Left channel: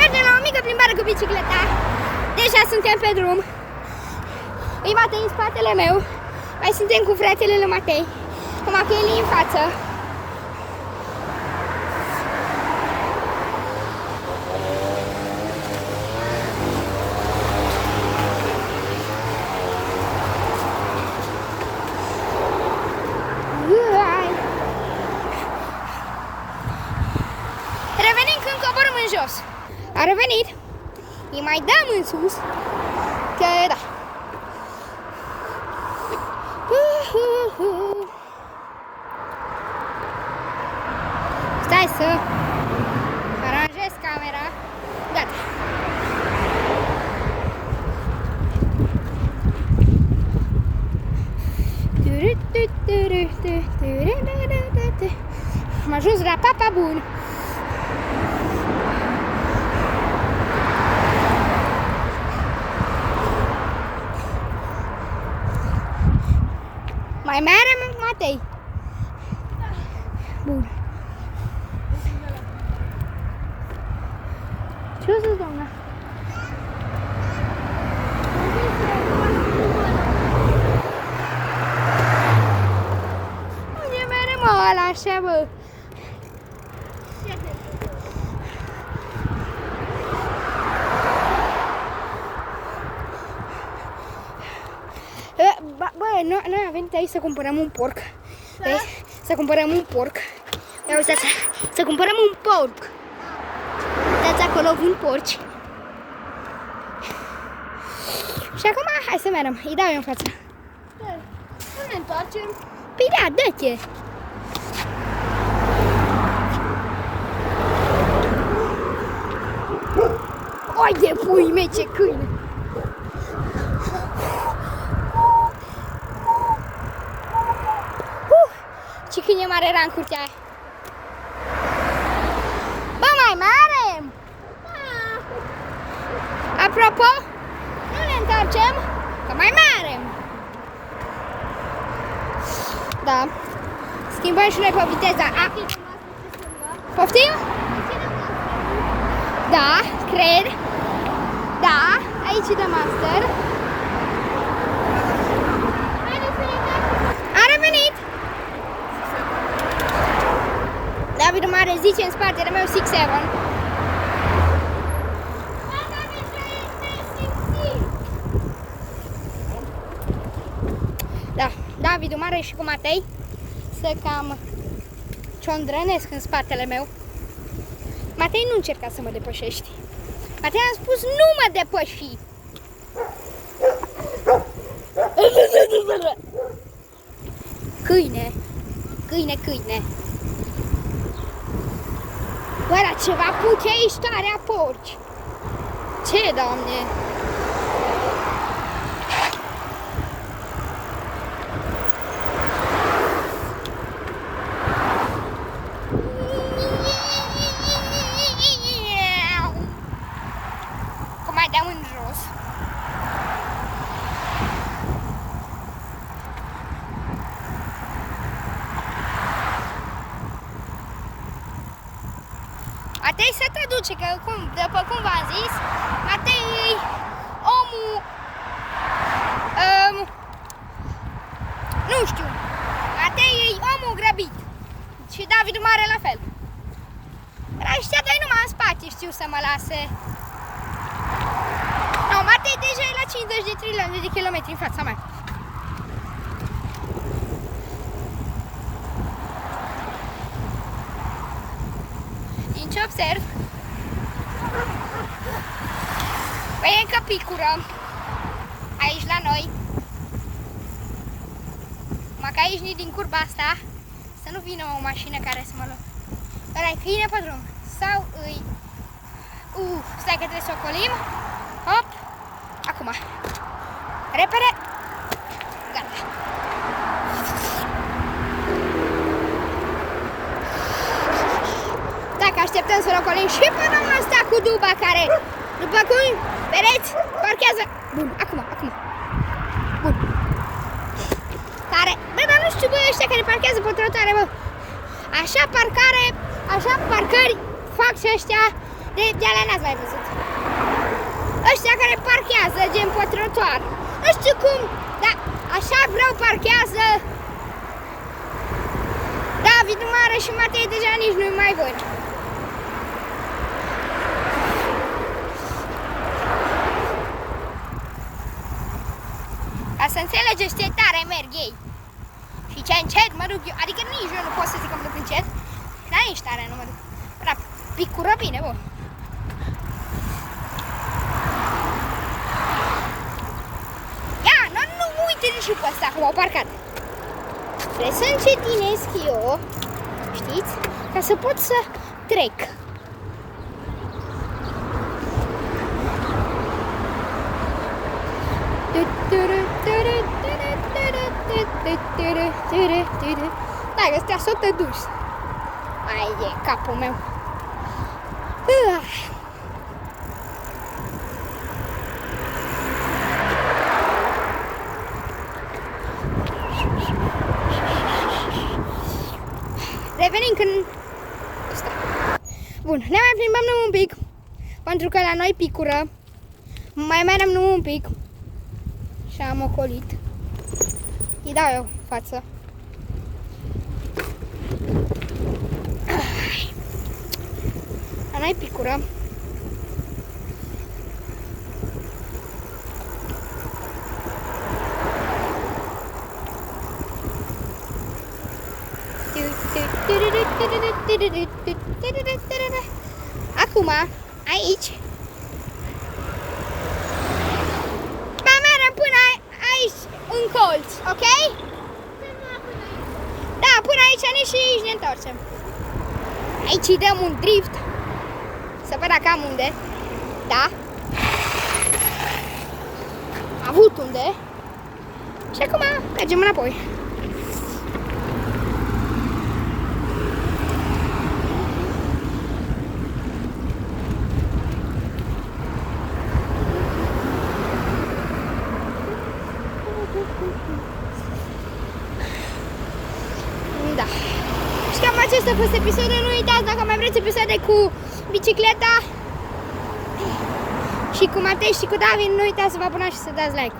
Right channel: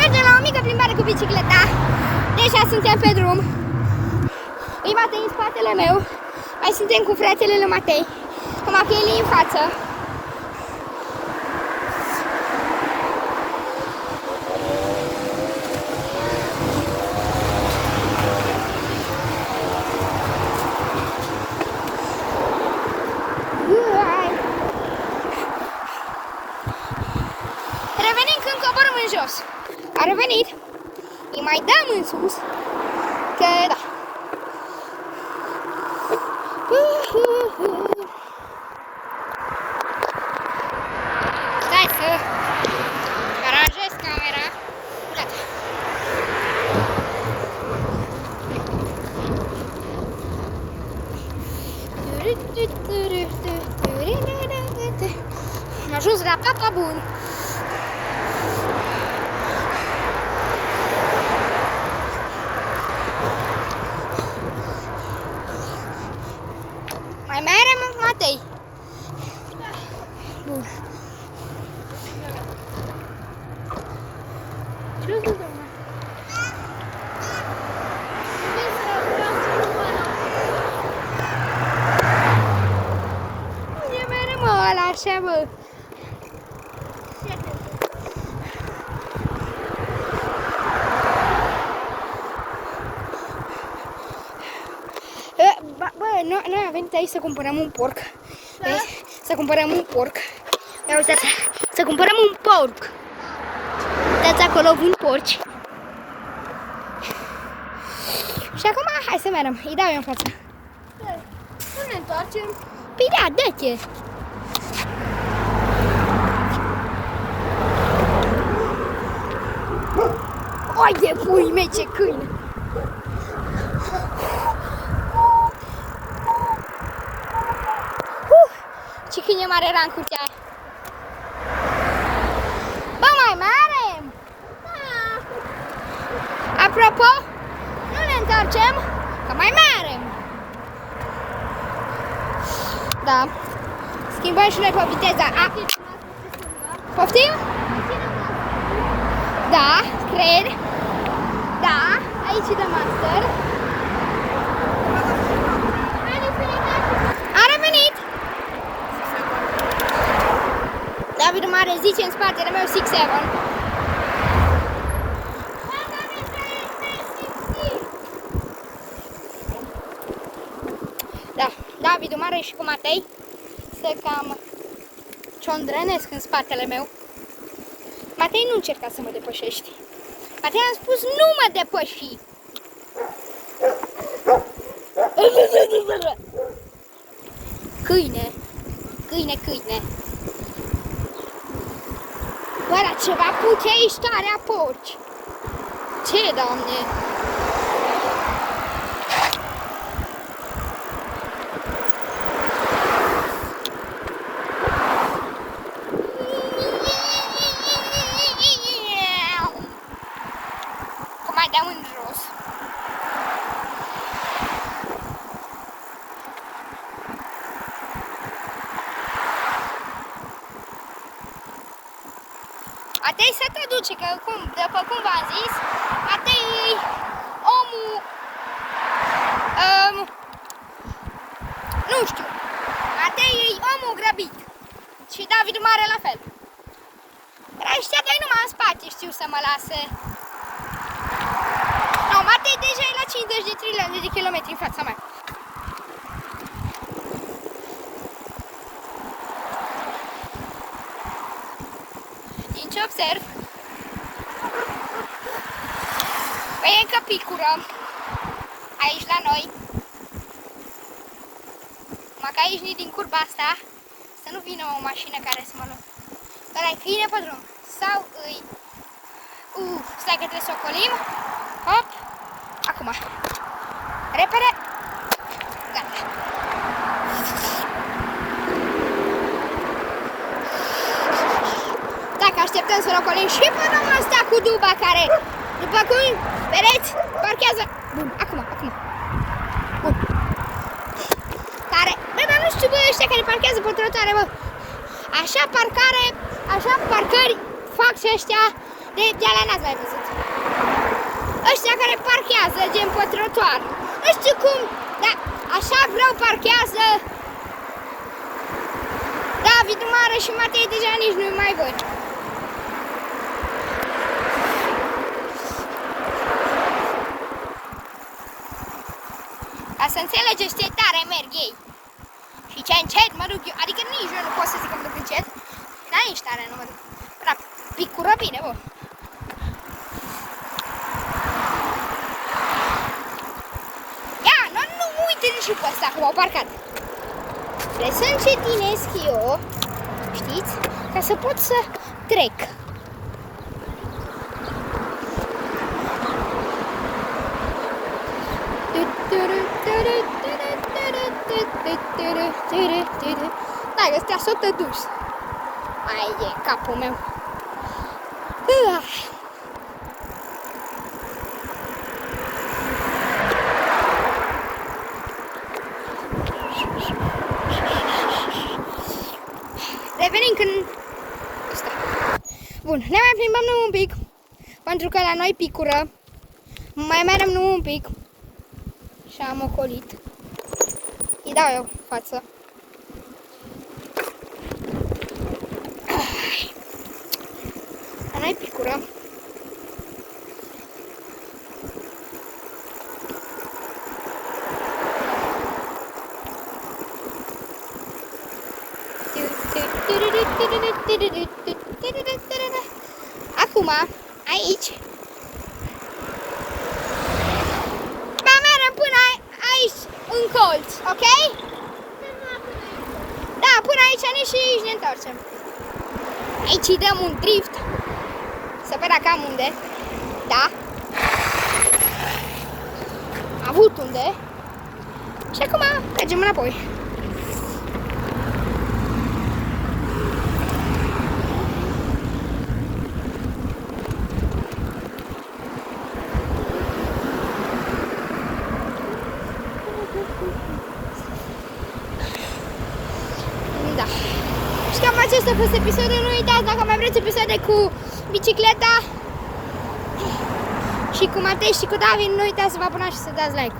Mergem la o mică plimbare cu bicicleta. Deja suntem pe drum. E Matei în spatele meu. Mai suntem cu fratele lui Matei. Cu Macheli în față. Revenim când coborâm în jos. A revenit. Îi mai dăm în sus. Că da. Stai să aranjez camera. Gata. Am ajuns la Papa Bun. Mai merem, Matei? Bun. Ce zici, doamna? E merem ăla așa, bă. Noi am venit aici să cumpărăm un porc. Să cumpărăm un porc. Ia uitați, să cumpărăm un porc. Uitați acolo vând porci. Și acum hai să mergem. Îi dau eu în față. Nu ne întoarcem? Păi da, dă-te. Oi de pui mei, ce câine. Ce câine mare era în curtea aia. Bă, mai merem? Da. Apropo, nu ne întoarcem, că mai merem. Da. Schimbăm și noi pe viteza A. Poftim? Da, cred. Da, aici e de master. A revenit. David Mare zice în spatele meu 6-7. Da, David Mare și cu Matei se cam ciondrănesc în spatele meu. Matei, nu încerca să mă depășești. Matei, am spus nu mă depăși. Câine, câine, câine. Oare ceva puteai starea porci? Ce, Doamne? Cum mai dau în jos? Matei să te duce, că după cum v-am zis, Matei omul, nu știu, Matei e omul grăbit și David Mare la fel. Dar ăștia doi numai în spate știu să mă lase. No, Matei deja e la 50 de trilioane de kilometri în fața mea. Ce observ? Păi încă picură aici la noi. Numai că aici din curba asta să nu vină o mașină care să mă luă. Ăla-i câine pe drum. Sau îi... stai că trebuie să ocolim. Hop! Acum. Repede. Gata. Dacă așteptăm să-l ocolim și pe doamna asta cu duba care, după cum vedeți, parchează. Bun, acum. Bun. Care, bă, dar nu știu, bă, ăștia care parchează pe trotuare, bă. Așa parcări fac și ăștia De alea n-ați mai văzut. Ăștia care parchează gen pe trotuar. Nu știu cum, dar așa greu parchează. David Mare și Matei deja nici nu mai văd. Ca să înțelegeți ce tare merg ei. Și ce încet mă duc eu. Adică nici eu nu pot să zic că mă duc încet. Dar nici tare nu mă duc. Dar picură bine, bă. Ia, nu uite nici pe ăsta cum au parcat. Trebuie să încetinesc eu, știți? Ca să pot să trec. Dai, ăstea s-o te dus. Ai de capul meu. Revenim când... Asta. Bun, ne mai plimbăm un pic. Pentru că la noi picură. Mai merem un pic. Și am ocolit. Îi dau eu față. La noi picură. Acum, aici. Mai mergem până aici, în colț, ok? Da, până aici și aici ne întoarcem. Aici îi dăm un drift. Să vedem dacă am unde. Da. Am avut unde. Și acum mergem înapoi. Da. Și cam acesta a fost episodul. Nu uitați, dacă mai vreți episoade cu bicicleta și cu Matei și cu David, nu uitați să vă abonați și să dați like.